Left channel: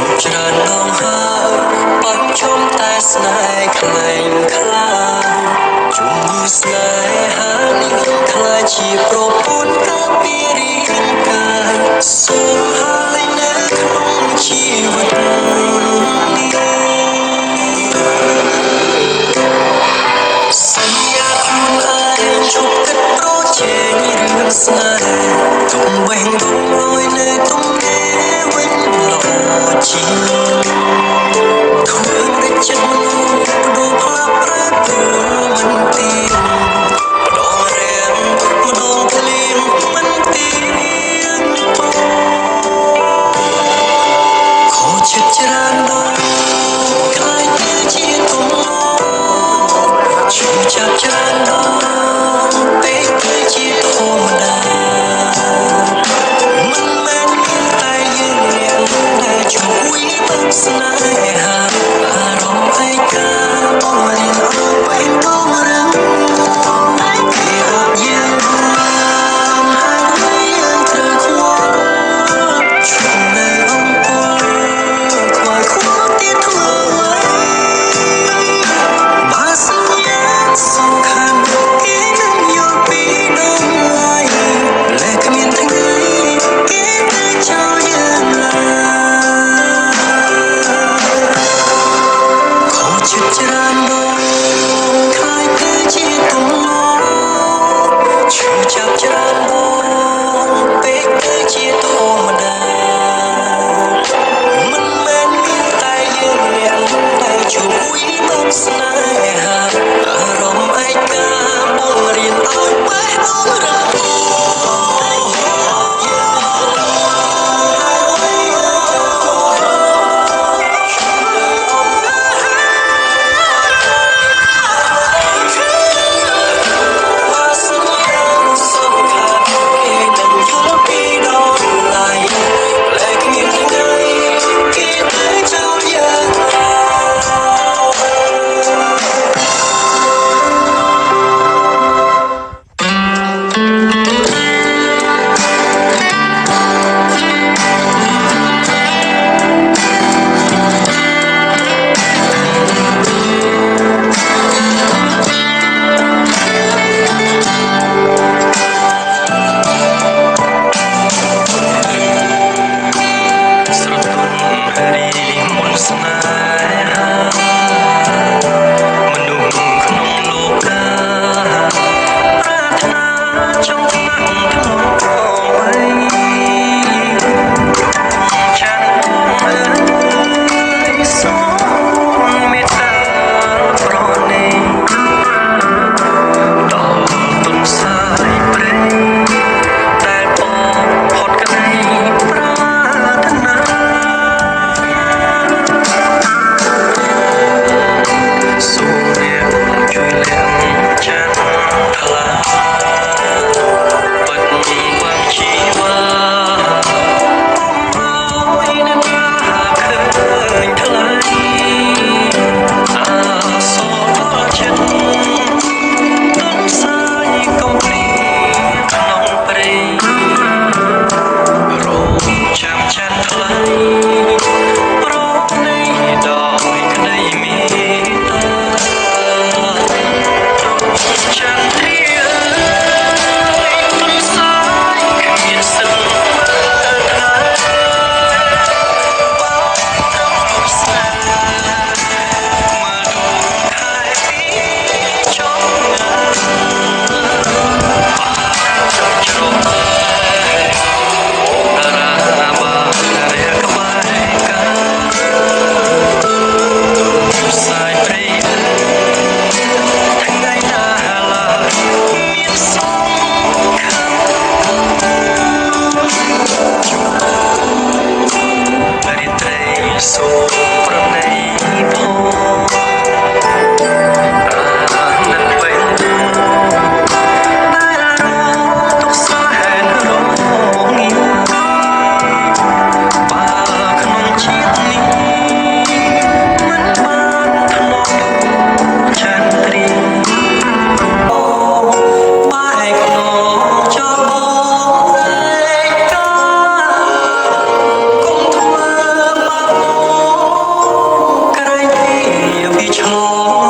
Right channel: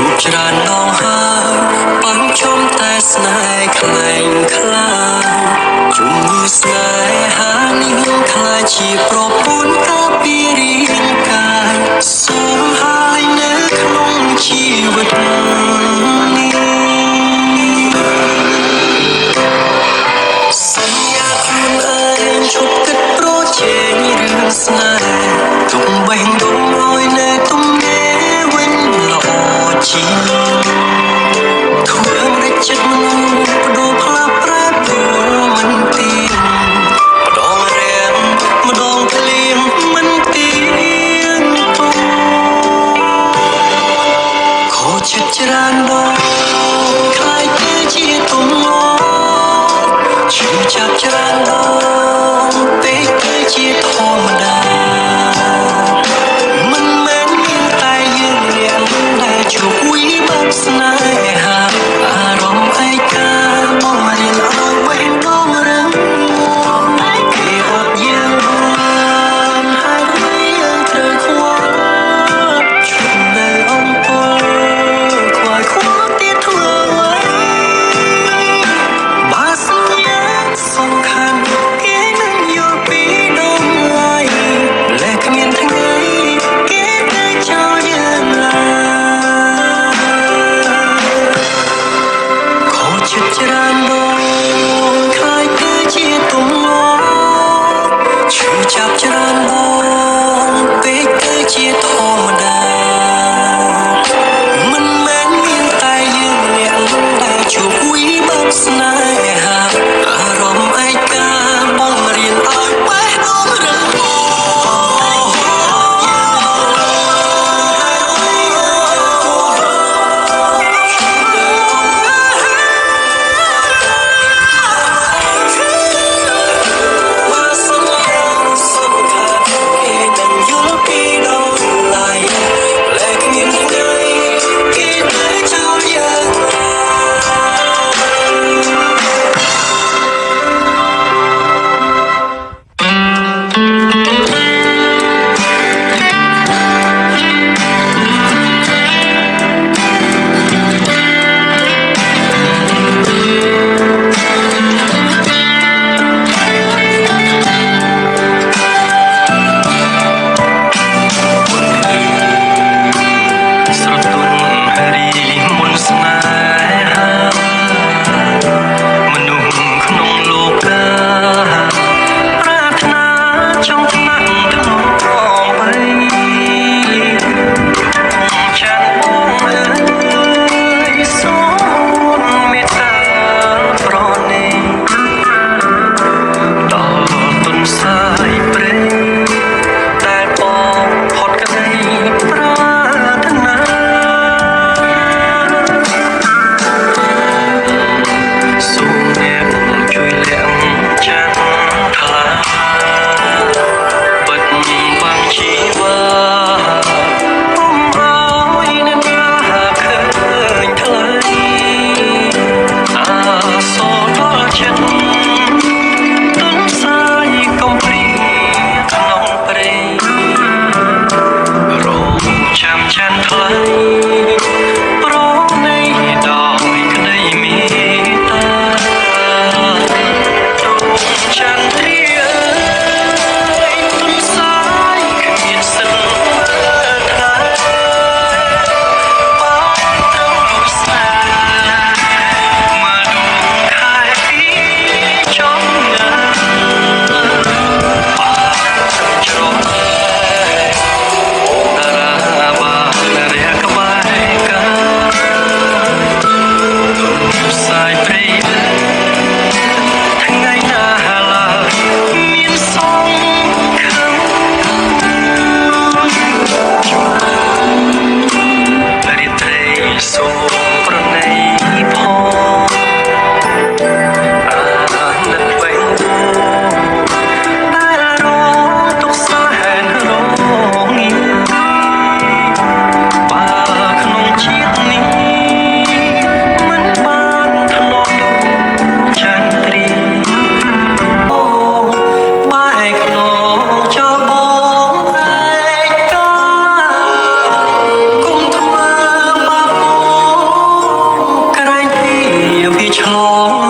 ជួបច្រើនដងហើយបើជុំតែស្នេហ៍ខ្លែងខ្លាជុំយឺស្នេហានេះខ្លាចជាប្រពន្ធការពាររាងកាយសូមហើយនៅក្នុងជីវិតសន្យាខ្លួនឯងឈប់គិតប្រជែងរឿងស្នេហ៍ទុំបេះដូងឲ្យនៅទំនេរវិញល្អជាងធ្វើមិនចិត្តមនុស្សបដូរផ្លាស់ប្រែប្រួលមិនទៀងម្ដងរាំងម្ដងភ្លៀងមិនទៀងតោខូចចិត្តច្រើនដងខ្លាចទៅជាទំនោរឈឺចាប់ច្រើនដងពេកទៅជាធម្មតាមិនមែនមានតែយើងអ្នកដែលជួបវិបត្តិស្នេហាអារម្មណ៍ឯកាបងរៀនឲ្យបេះដូងរឹងមាំគេអត់យើងរួមហើយយើងត្រូវខ្វល់ជុំនៅអំពើខ្វាយខ្វល់ទៀតធ្វើអ្វីបើសញ្ញាសំខាន់គេនឹងយល់ពីដូងឡើយលែគ្មានថ្ងៃគេទៅចោលយើងឡើយខូចចិត្តច្រើនដងខ្លាចទៅជាទំនោរឈឺចាប់ច្រើនដងពេកទៅជាធម្មតាមិនមែនមានតែយើងអ្នកដែលជួបវិបត្តិស្នេហាអារម្មណ៍ឯកាបងរៀនឲ្យបេះដូងរឹងមាំ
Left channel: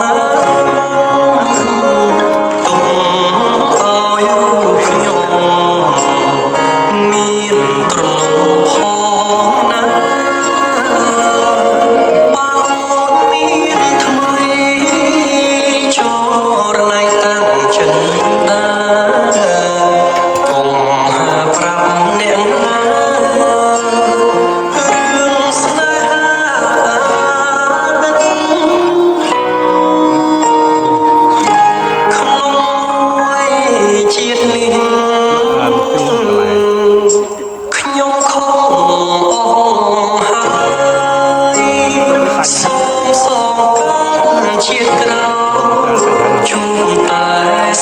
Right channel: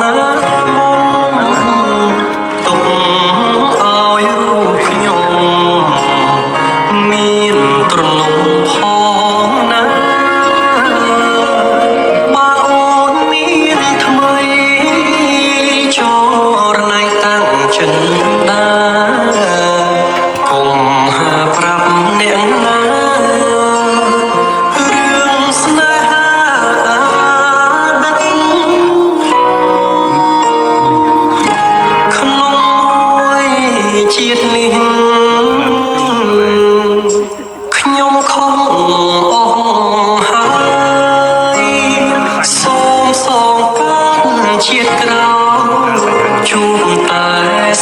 ណាទុកឲ្យរូបខ្ញុំមានត្រនំផងណាបើអូនមានថ្មីចរណៃតាំងចិនដាកុំហាប្រាប់អ្នកណារឿងស្នេហាដឹកក្នុងមួយជាតិនេះខ្ញុំខំអស់ហើយសូមសងកាត់ជាតិក្រោយជួបតែ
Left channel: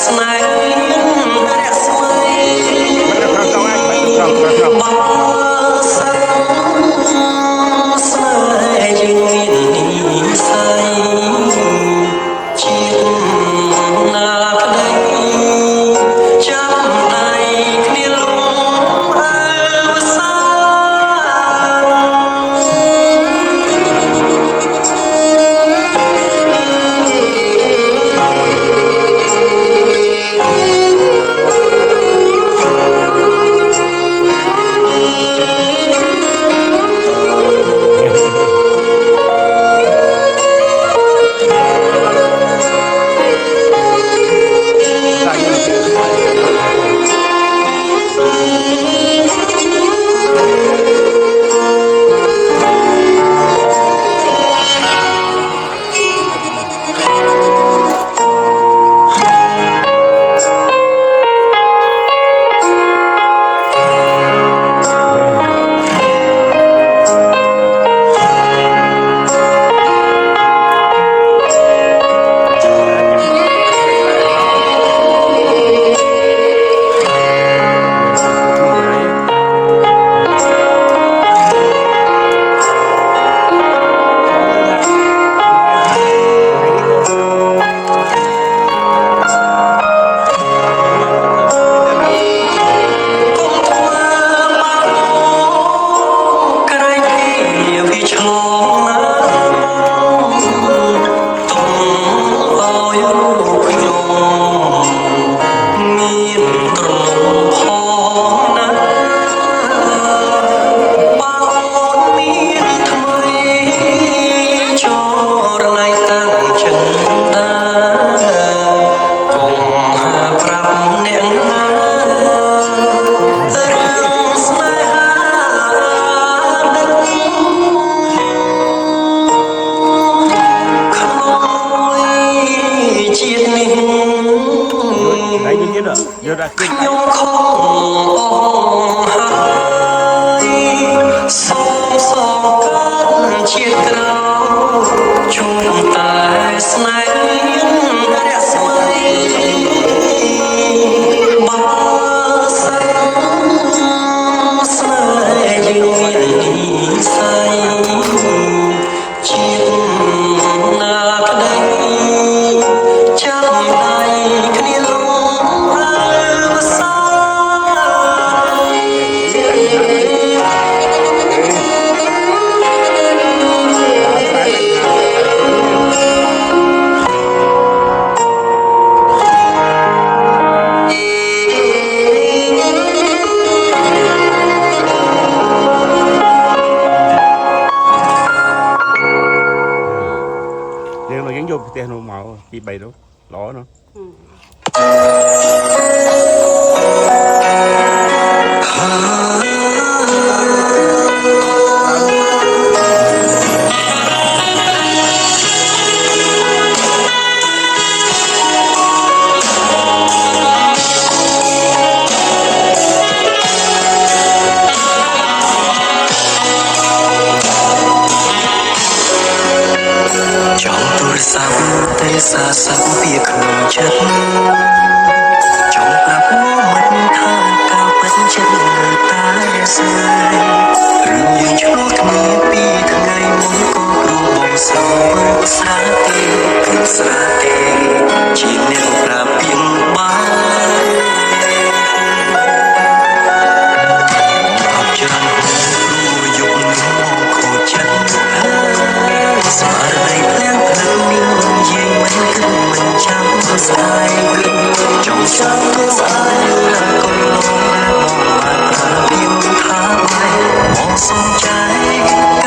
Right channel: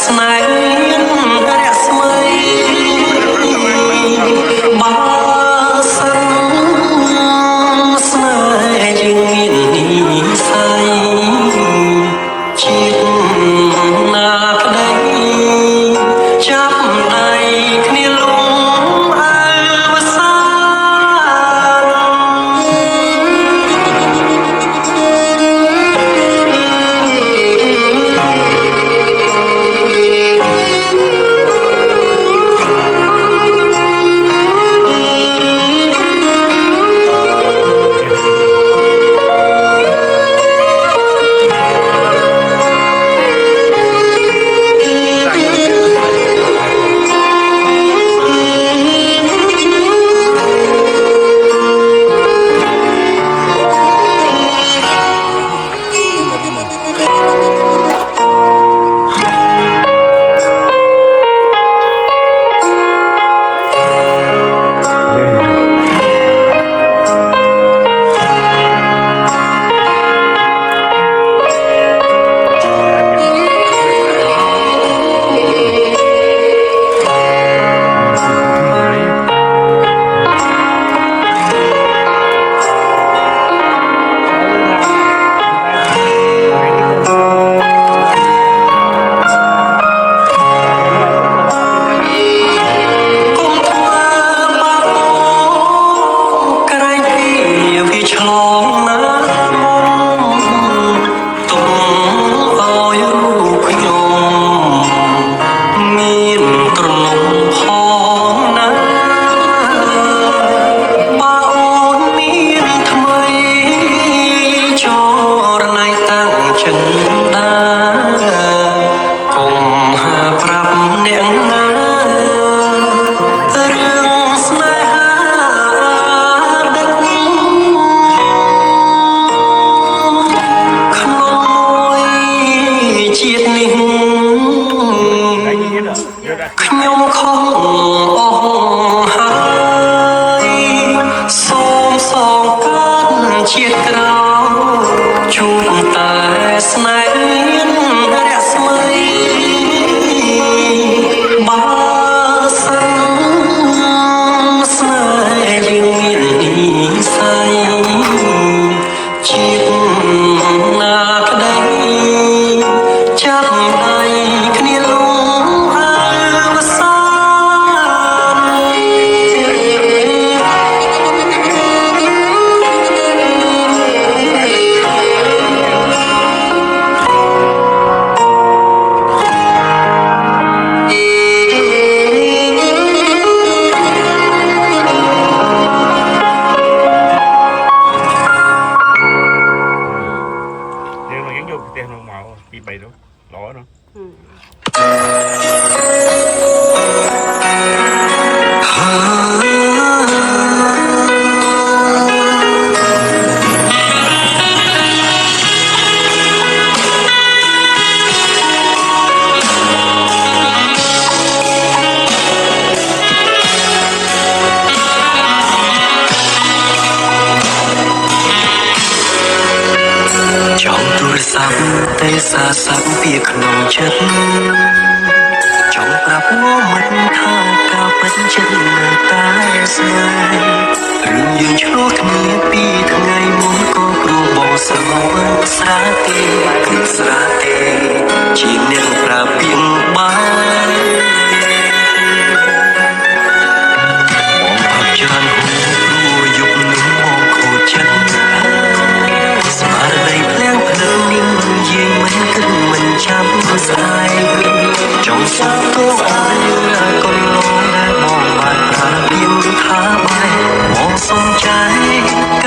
ស្នេហ៍រស្មីបើសិនស្នេហ៍យើងមាននិស័យជាតិណាក្តីចាប់ដៃគ្នាលំអើវសាឆ្លងណាមកទុំឲ្យរូបខ្ញុំមានត្រនំផងណាបើអូនមានថ្មីចរណៃតាំងចិនដាកុំហាប្រាប់អ្នកណាជាតិនេះខ្ញុំខំអស់ហើយសូមសងកាត់ជាតិក្រោយជួបតែស្នេហ៍រស្មីបើសិនស្នេហ៍យើងមាននិស័យជាតិណាក្តីចាប់ដៃគ្នាលំអើវសាយើងយកប្រទេសនោះមកទី3នោះល្អនោះ trong túi sắm tay xa sắm phíaក្នុងចិត្តចង់ប្រាប់មកមិនថាការពិតចិត្តនៅតែស្នេហ៍រឿងយើងឆ្លោះគ្នាពីថ្ងៃមុនក៏គ្រូបងស្រវឹងស្រាទេគឺស្រាទេ